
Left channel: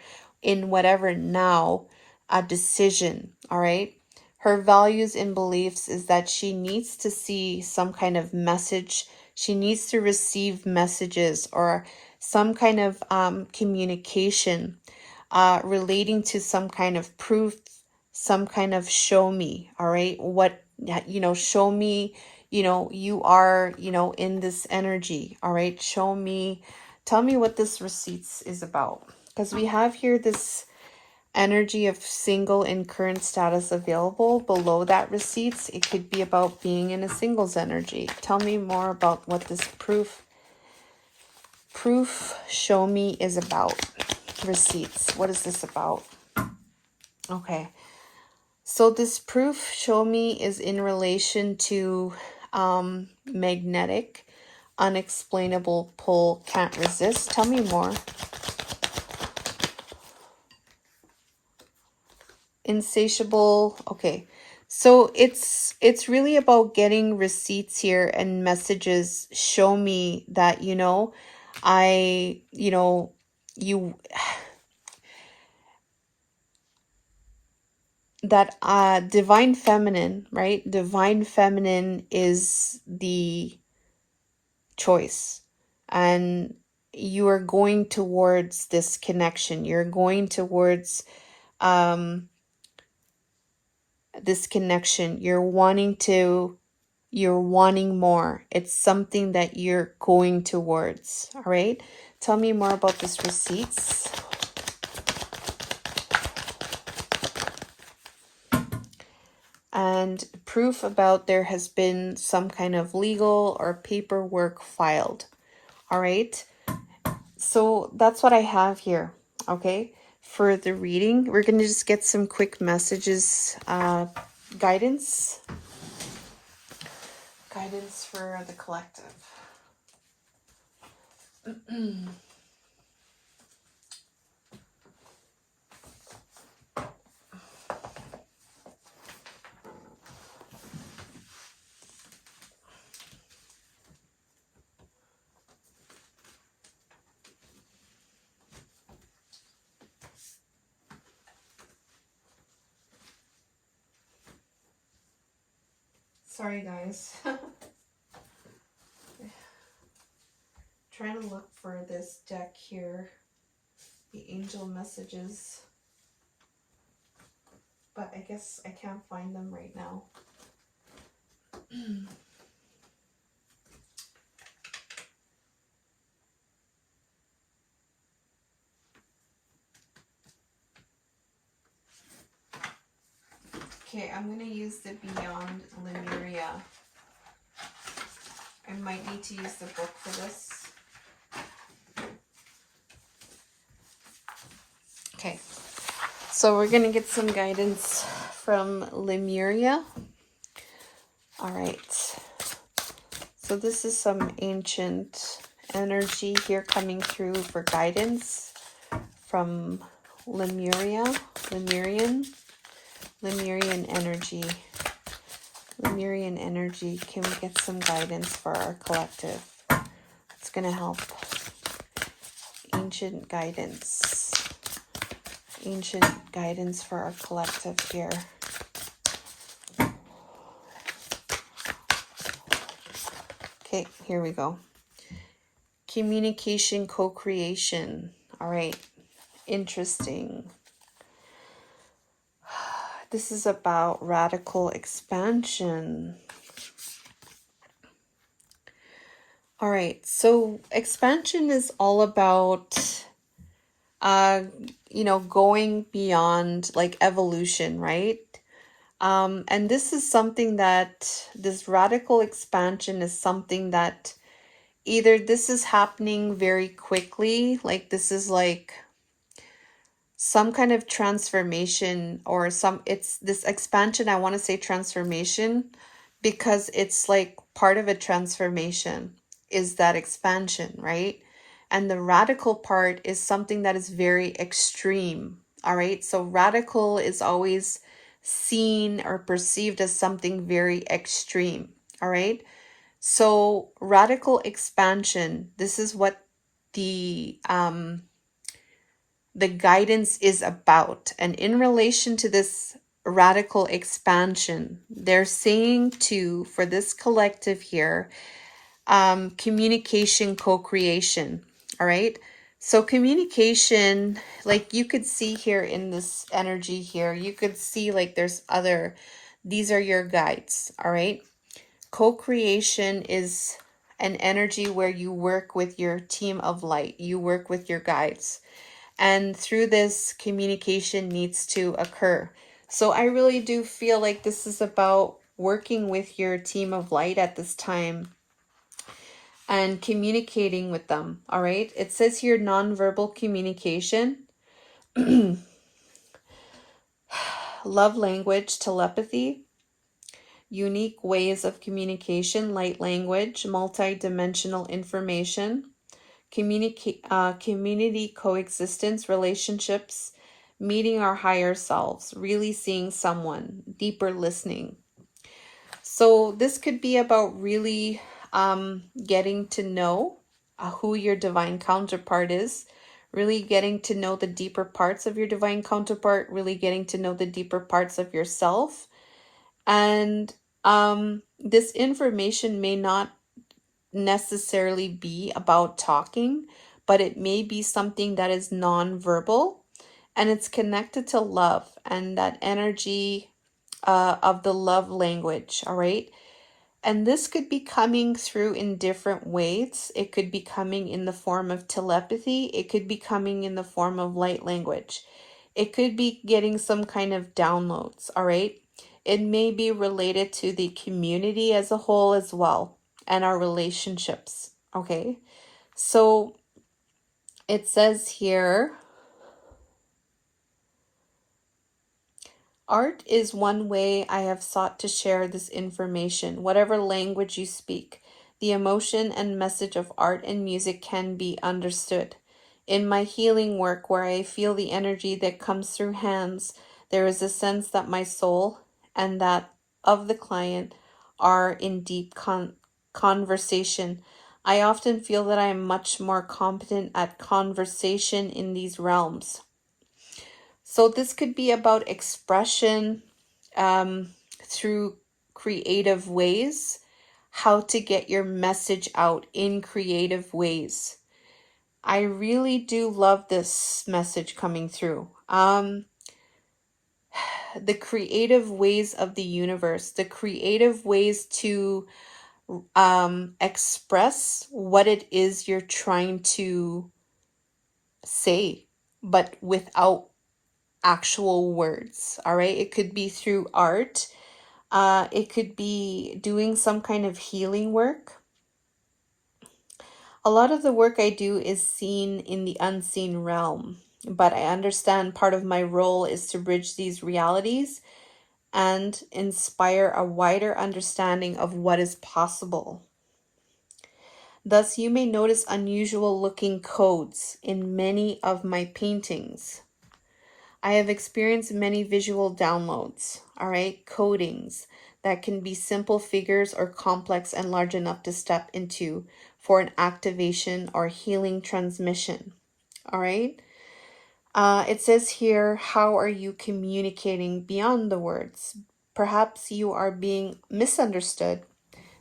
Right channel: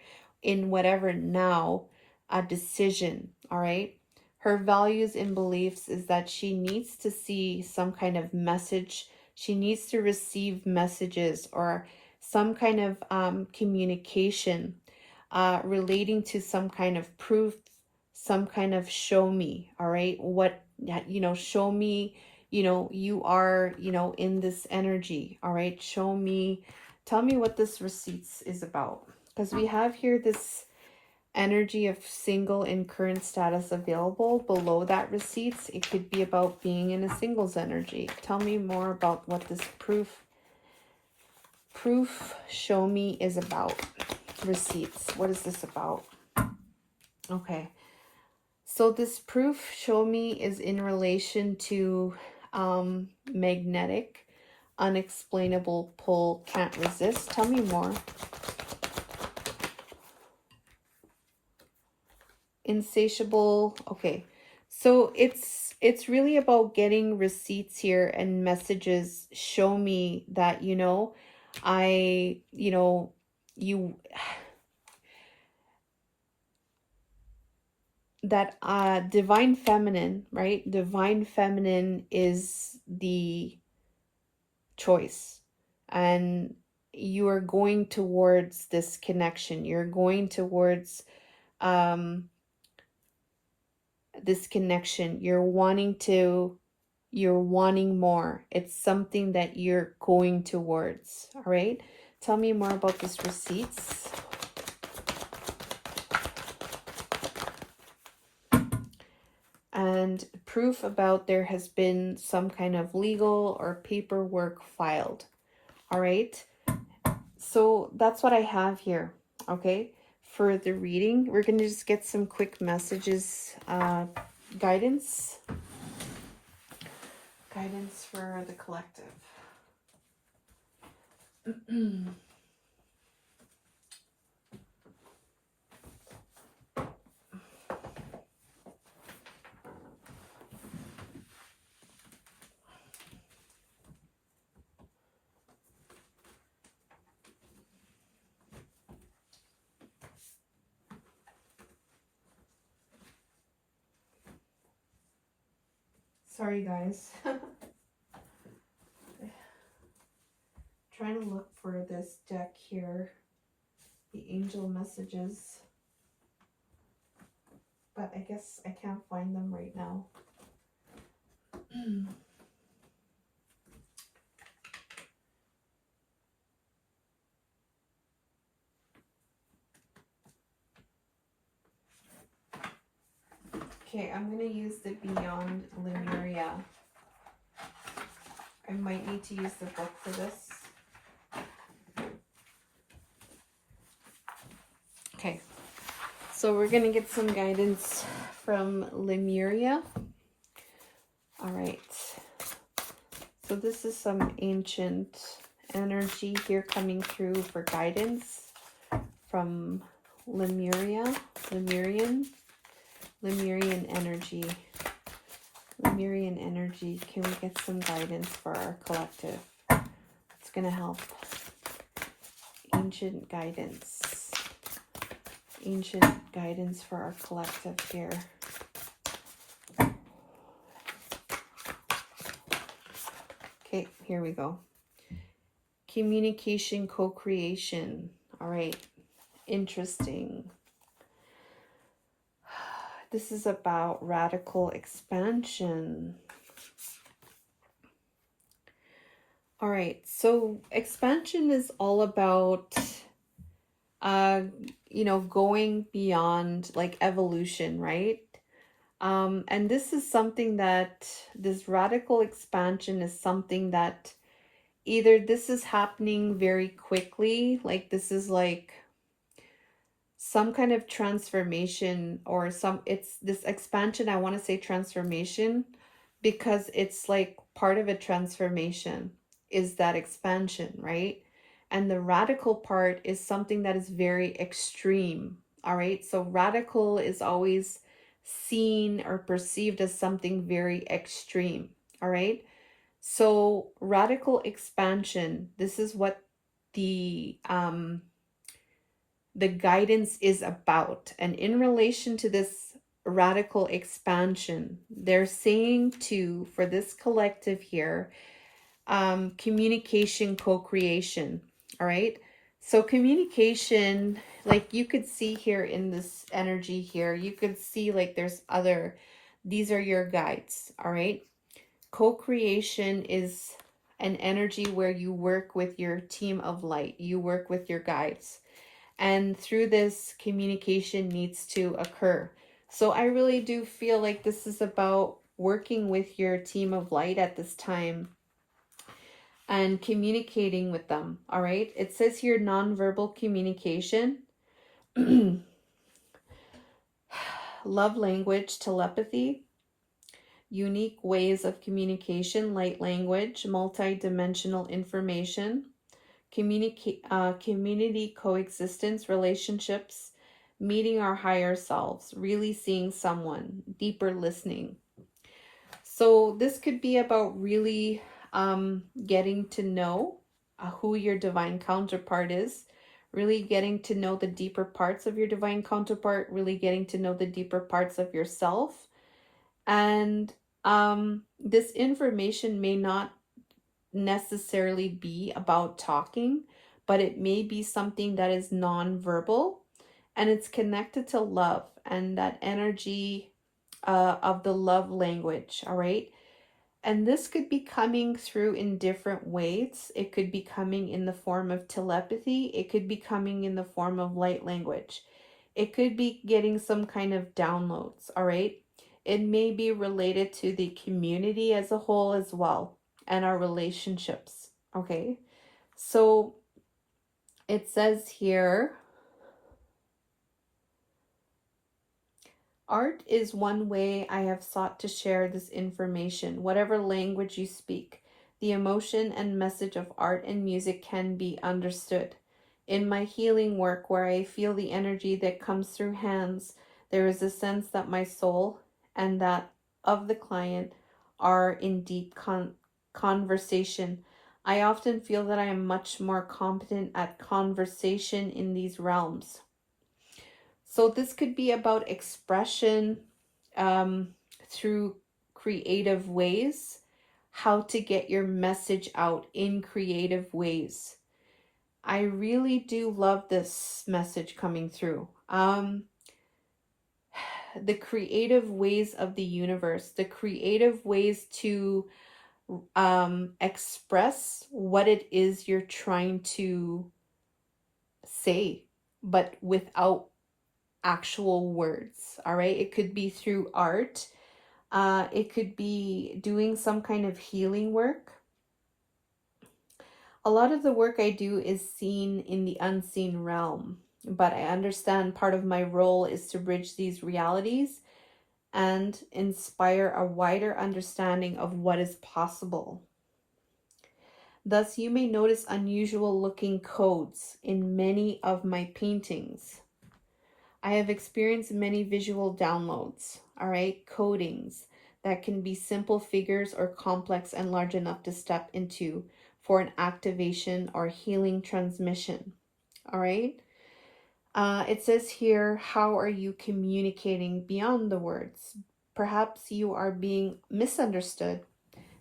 In whatever now, a decision, all right? Her values and beliefs is that she needs to see some kind of message. She needs to receive messages or some kind of communication relating to some kind of proof, some kind of show me, all right? What, you know, show me, you know, you are, you know, in this energy, all right? Show me, tell me what this receipts is about. Because we have here this energy of single and current status available. Below that receipts, it could be about being in a singles energy. Tell me more about what this proof show me is about. Receipts, what is this about? Okay, so this proof show me is in relation to magnetic, unexplainable pull, can't resist. Tell me more. insatiable. Okay, so it's really about getting receipts here and messages. Show me that, you know, you that divine feminine, right? Divine feminine is the choice, and you are going towards this connection. You're going towards this connection. You're wanting more. It's something that you're going towards. All right, tell me more about this receipts. And proof about there has been some kind of legal or paperwork filed. All right, so that's what I have here. Okay, for the reading, we're going to just get some quick messages, guidance for the collective. Sorry guys. Trying to look for this deck here, the angel messages, but I guess I can't find them right now. Okay, I'm going to use the Beyond Lemuria. I might need to use the book for this. Okay, so we're going to get some guidance from Lemuria. All right, so this is some ancient energy here coming through for guidance from Lemuria, Lemurian energy. Lemurian energy, can we get some guidance for our collective? It's going to help. Ancient guidance for our collective here. Okay, here we go. Communication, co-creation. All right, interesting. This is about radical expansion. All right, so expansion is all about, going beyond like evolution, right? And this is something that, this radical expansion is something that either this is happening very quickly, like this is like some kind of transformation, or it's this expansion. I want to say transformation because it's like part of a transformation is that expansion, right? And the radical part is something that is very extreme. All right, so radical is always seen or perceived as something very extreme. All right, so radical expansion, this is what the guidance is about. And in relation to this radical expansion, they're saying for this collective here, communication, co-creation. All right, so communication, like you could see here in this energy here, you could see like these are your guides. All right, co-creation is an energy where you work with your team of light, you work with your guides, and through this, communication needs to occur. So I really do feel like this is about working with your team of light at this time and communicating with them. All right, it says here nonverbal communication, love language, telepathy, unique ways of communication, light language, multi-dimensional information, community coexistence, relationships, meeting our higher selves, really seeing someone, deeper listening. So this could be about really getting to know who your divine counterpart is, really getting to know the deeper parts of your divine counterpart, really getting to know the deeper parts of yourself. And this information may not necessarily be about talking, but it may be something that is non-verbal, and it's connected to love and that energy of the love language. All right. And this could be coming through in different ways. It could be coming in the form of telepathy. It could be coming in the form of light language. It could be getting some kind of downloads, all right? It may be related to the community as a whole as well, and our relationships, okay? So it says here, art is one way I have sought to share this information, whatever language you speak. The emotion and message of art and music can be understood. In my healing work, where I feel the energy that comes through hands, there is a sense that my soul and that of the client are in deep conversation. I often feel that I am much more competent at conversation in these realms. So this could be about expression through creative ways, how to get your message out in creative ways. I really do love this message coming through. The creative ways of the universe, the creative ways to express what it is you're trying to say, but without actual words. All right. It could be through art. It could be doing some kind of healing work. A lot of the work I do is seen in the unseen realm, but I understand part of my role is to bridge these realities and inspire a wider understanding of what is possible. Thus, you may notice unusual looking codes in many of my paintings. I have experienced many visual downloads, all right, codings that can be simple figures or complex and large enough to step into for an activation or healing transmission, all right? It says here, how are you communicating beyond the words? Perhaps you are being misunderstood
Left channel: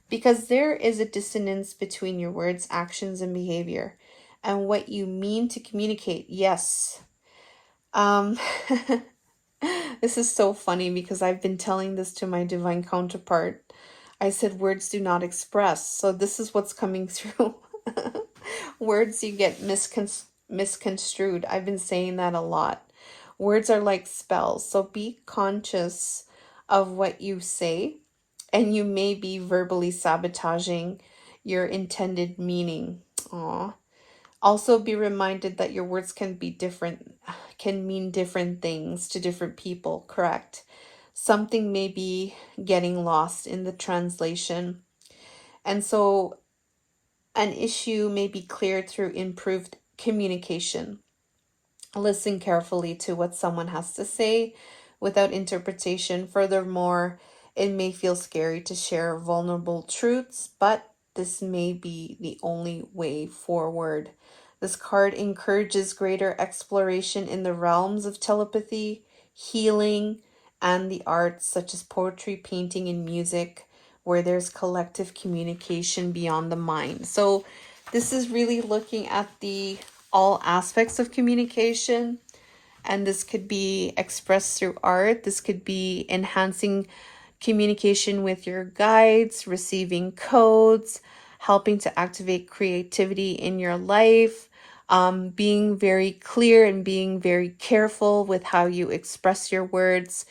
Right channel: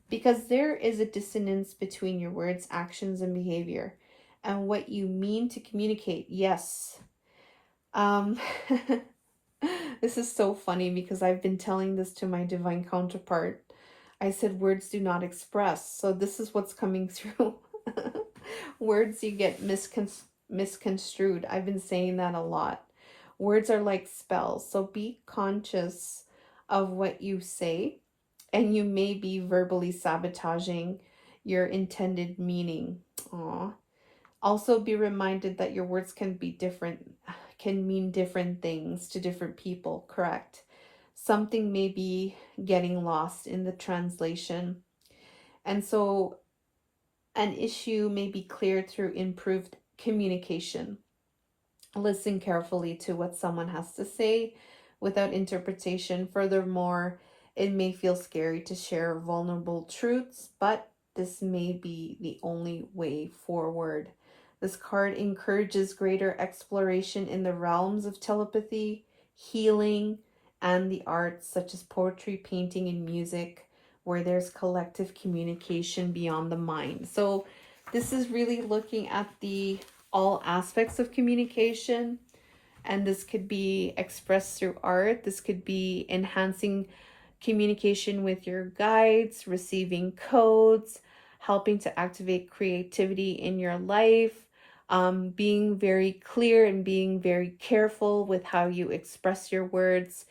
because there is a dissonance between your words, actions, and behavior and what you mean to communicate. Yes. Um, This is so funny because I've been telling this to my divine counterpart. I said words do not express. So this is what's coming through. Words you get misconstrued. I've been saying that a lot. Words are like spells. So be conscious of what you say, and you may be verbally sabotaging your intended meaning. Aw. Also be reminded that your words can mean different things to different people, correct? Something may be getting lost in the translation. And so an issue may be cleared through improved communication. Listen carefully to what someone has to say without interpretation. Furthermore, it may feel scary to share vulnerable truths, but this may be the only way forward. This card encourages greater exploration in the realms of telepathy, healing, and the arts such as poetry, painting, and music, where there's collective communication beyond the mind. So this is really looking at the all aspects of communication, and this could be expressed through art. This could be enhancing communication with your guides, receiving codes, helping to activate creativity in your life, being very clear and being very careful with how you express your words,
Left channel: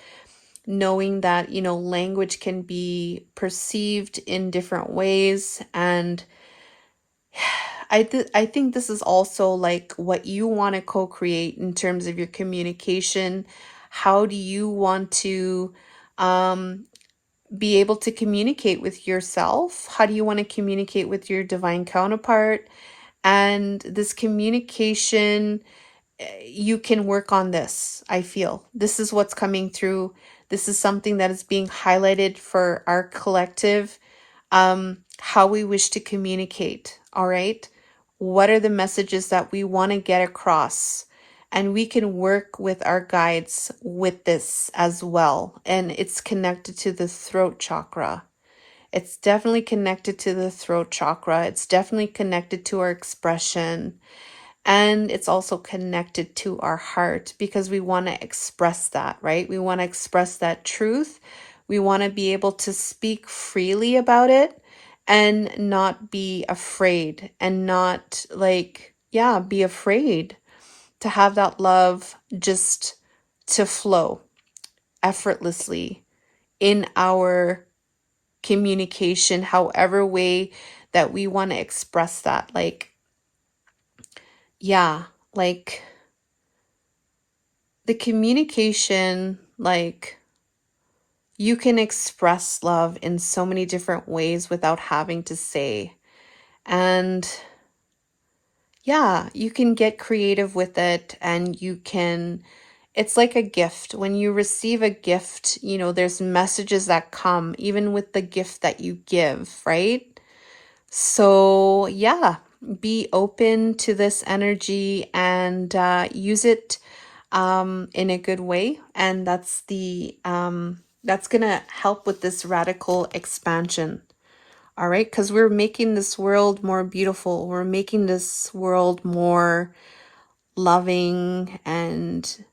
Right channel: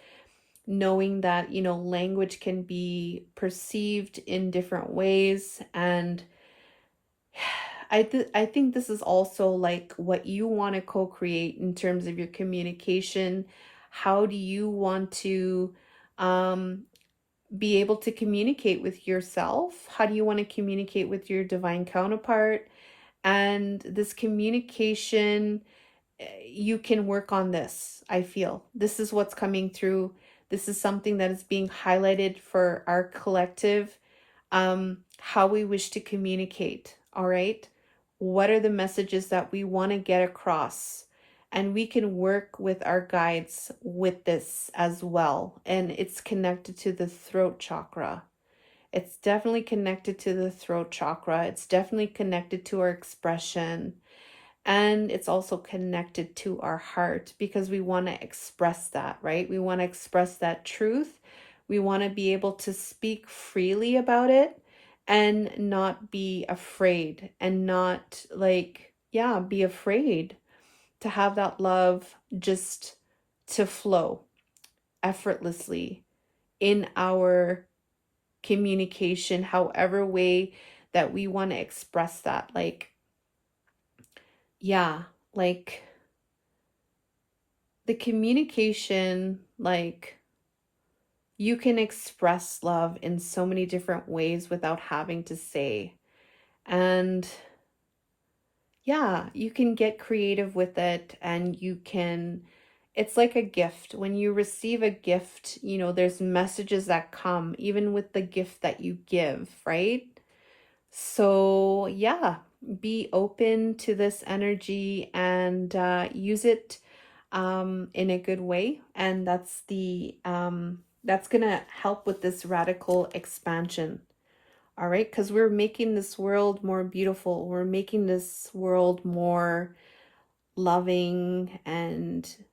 knowing that, you know, language can be perceived in different ways. And I think this is also like what you want to co-create in terms of your communication. How do you want to be able to communicate with yourself? How do you want to communicate with your divine counterpart? And this communication you can work on this. I feel this is what's coming through. This is something that is being highlighted for our collective, how we wish to communicate. All right, what are the messages that we want to get across, and we can work with our guides with this as well. And it's connected to the throat chakra. It's definitely connected to the throat chakra. It's definitely connected to our expression. And it's also connected to our heart because we want to express that, right? We want to express that truth. We want to be able to speak freely about it and not be afraid and not like, yeah, be afraid to have that love just to flow effortlessly in our communication, however way that we want to express that. Like, yeah, like the communication, like you can express love in so many different ways without having to say. And yeah, you can get creative with it, and you can, it's like a gift. When you receive a gift, you know, there's messages that come even with the gift that you give, right? So, yeah, be open to this energy and use it in a good way. And that's gonna help with this radical expansion. All right, because we're making this world more beautiful. We're making this world more loving and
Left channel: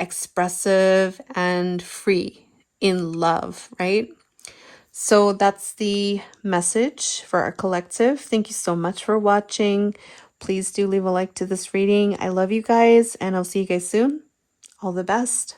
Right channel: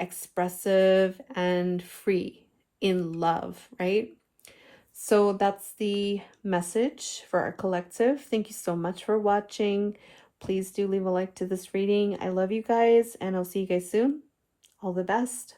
expressive and free in love, right? So that's the message for our collective. Thank you so much for watching. Please do leave a like to this reading. I love you guys, and I'll see you guys soon. All the best.